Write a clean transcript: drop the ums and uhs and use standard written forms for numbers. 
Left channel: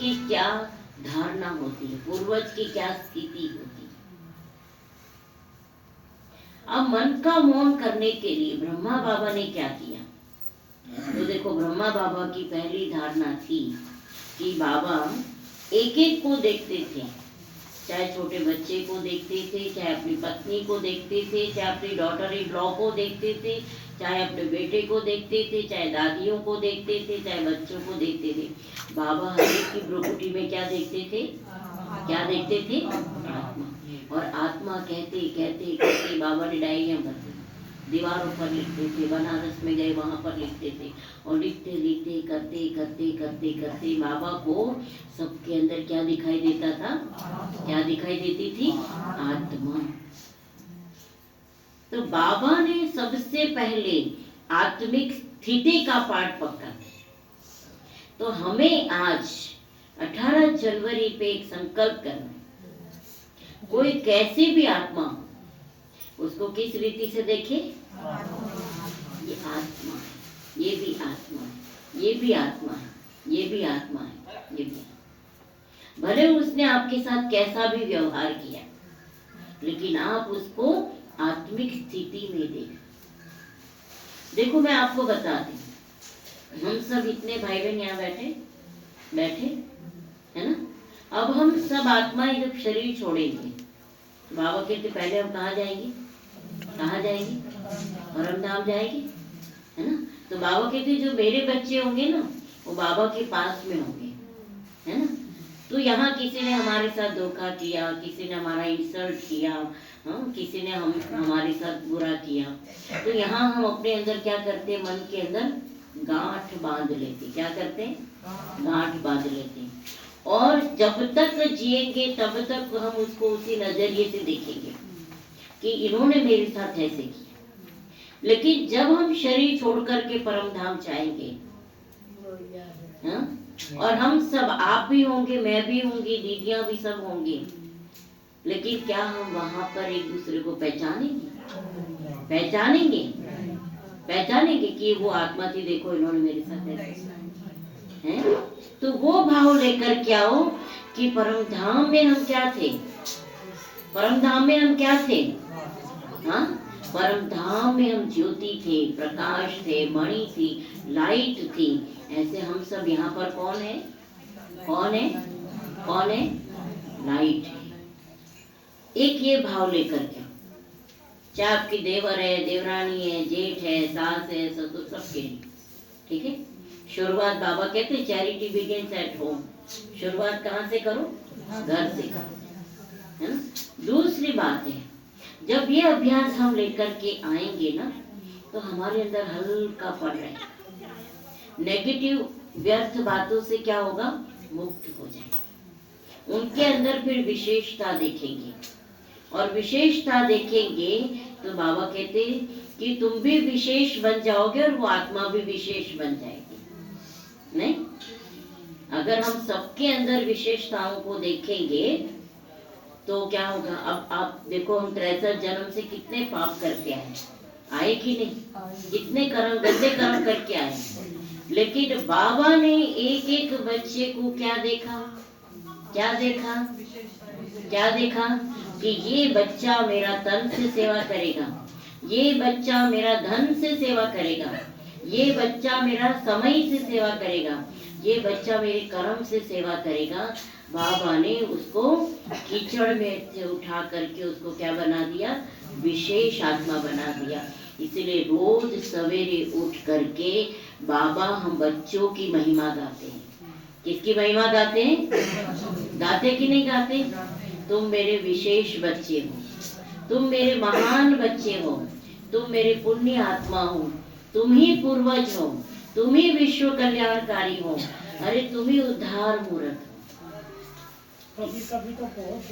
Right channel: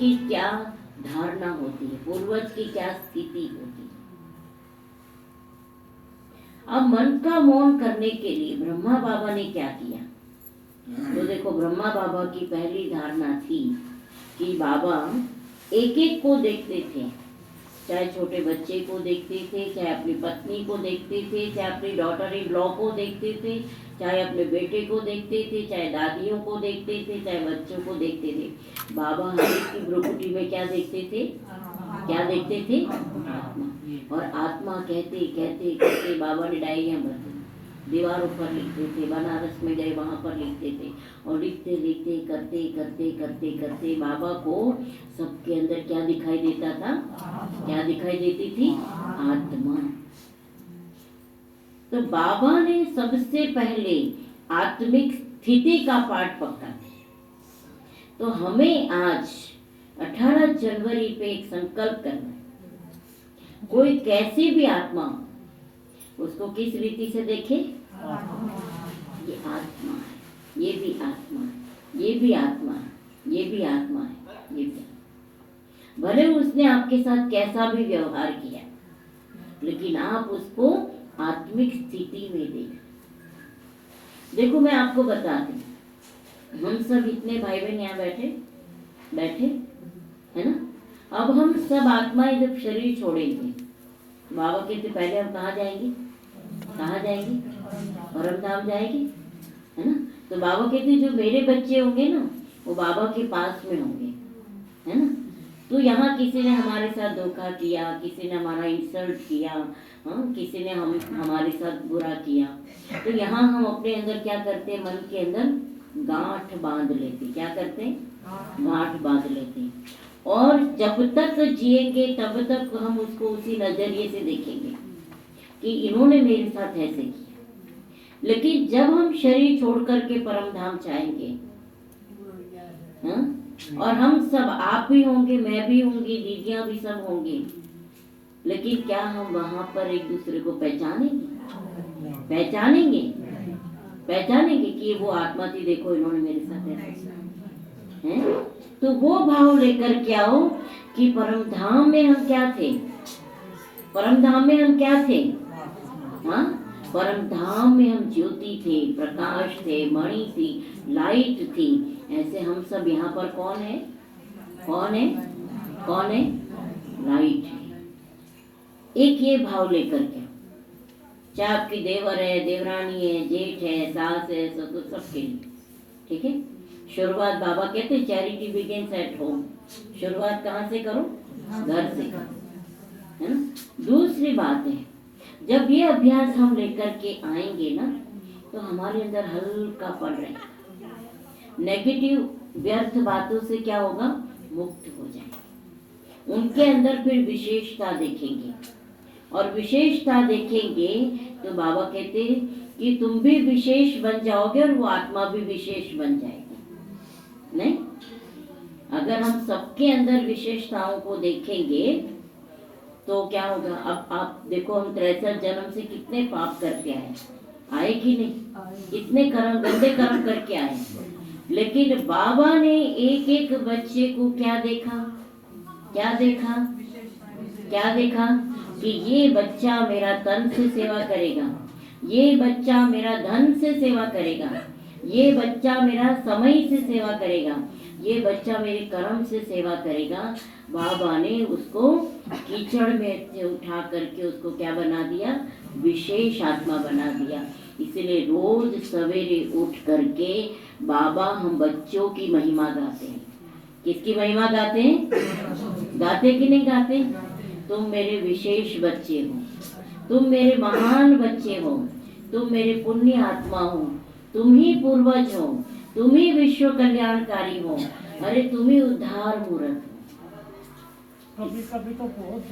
की क्या धारणा होती है, पूर्वज की क्या स्थिति होती है। अब मन का मौन करने के लिए ब्रह्मा बाबा ने क्या किया? तो देखो, ब्रह्मा बाबा की पहली धारणा थी कि बाबा एक एक को देखते थे, चाहे छोटे बच्चे को देखते थे, चाहे अपनी पत्नी को देखते थे, चाहे अपनी डॉटर इन लॉ को देखते थे, चाहे अपने बेटे को देखते थे, चाहे दादियों को देखते थे, चाहे बच्चों को देखते थे। बाबा हर एक की भ्रुकुटी में क्या देखते थे? क्या देखते थे? आत्मा। और आत्मा कहते कहते कहते बाबा ने डायरियां भर दी, दीवारों पर लिखते थे, बनारस में गए वहां पर लिखते थे, और लिखते लिखते करते करते करते करते बाबा को सबके अंदर क्या दिखाई देता था? क्या दिखाई देती थी? आत्मा। तो बाबा ने सबसे पहले आत्मिक स्थिति का पाठ पकड़ा। तो हमें आज 18 जनवरी पे एक संकल्प करना है, कोई कैसी भी आत्मा उसको किस रीति से देखे? ये आत्मा है, ये भी आत्मा है, ये भी आत्मा है, ये भी आत्मा है, ये भी। भले उसने आपके साथ कैसा भी व्यवहार किया, लेकिन आप उसको आत्मिक स्थिति में देखो। मैं आपको बताती हूँ, हम सब इतने भाई बहन यहाँ बैठे है ना। अब हम सब आत्माएं जब शरीर छोड़ेंगे, बाबा कहते पहले हम कहाँ जाएंगे? कहाँ जाएंगे? परम धाम जाएंगे, है ना। तो बाबा कहते जो मेरे बच्चे होंगे ना, वो बाबा के पास में होंगे, है ना। तो यहाँ किसी ने हमारे साथ धोखा किया, किसी ने हमारा इंसल्ट किया, किसी ने हमारे साथ बुरा किया, तो यहाँ हम अपने अंदर क्या करते? मन के अंदर गांठ बांध लेते। क्या करते? गांठ बांध लेते। और जब तक जिएंगे तब तक हम उसको उसी नजरिए से देखेंगे कि इन्होंने मेरे साथ ऐसे किया। लेकिन जब हम शरीर छोड़ करके परम धाम चाहेंगे, और हम सब, आप भी होंगे, मैं भी होंगी, दीदियां भी सब होंगी, लेकिन क्या हम वहां पर एक दूसरे को पहचानेंगे कि वो आत्मा थी, देखो इन्होंने मेरे साथ है। तो वो भाव लेकर के आओ कि परम धाम में हम क्या थे? परम धाम में हम क्या थे? हाँ, परम धाम में हम ज्योति थे, प्रकाश थे, मणि थी, लाइट थी। ऐसे हम सब यहाँ पर कौन है? लाइट है। एक ये भाव लेकर के, चाहे आपकी देवर है, देवरानी है, जेठ है, सास है, ससुर, सबके लिए, ठीक है। शुरुआत बाबा कहते हैं चैरिटी बिगिंस एट होम। शुरुआत कहाँ से करो? घर से करो, है ना। दूसरी बात है, जब ये अभ्यास हम लेकर के आएंगे ना, तो हमारे अंदर हल्का पड़ रहा है, नेगेटिव व्यर्थ बातों से क्या होगा? मुक्त हो जाए। उनके अंदर फिर विशेषता देखेंगे, और विशेषता देखेंगे तो बाबा कहते हैं कि तुम भी विशेष बन जाओगे और वो आत्मा भी विशेष बन जाएगी। नहीं, अगर हम सबके अंदर विशेषताओं को देखेंगे तो क्या होगा? अब आप देखो, हम 63 जन्म से कितने पाप करके आए कि नहीं? कितने कर्म, गंदे कर्म करके आए। लेकिन बाबा ने एक एक बच्चे को क्या देखा? क्या देखा? कि ये बच्चा मेरा तन से सेवा करेगा, ये बच्चा मेरा धन से सेवा करेगा, ये बच्चा मेरा समय से सेवा करेगा, ये बच्चा मेरे कर्म से सेवा करेगा। बाबा ने उसको कीचड़ में से उठा करके उसको क्या बना दिया? विशेष आत्मा बना दिया। इसलिए रोज सवेरे उठ करके बाबा हम बच्चों की महिमा गाते हैं। किसकी महिमा गाते हैं? गाते कि नहीं गाते? तुम मेरे विशेष बच्चे हो, तुम मेरे महान बच्चे हो, तुम मेरे पुण्य आत्मा हो, तुम ही पूर्वज हो, तुम ही विश्व कल्याणकारी हो, अरे तुम ही उद्धार मूर्त हो। कभी कभी तो बहुत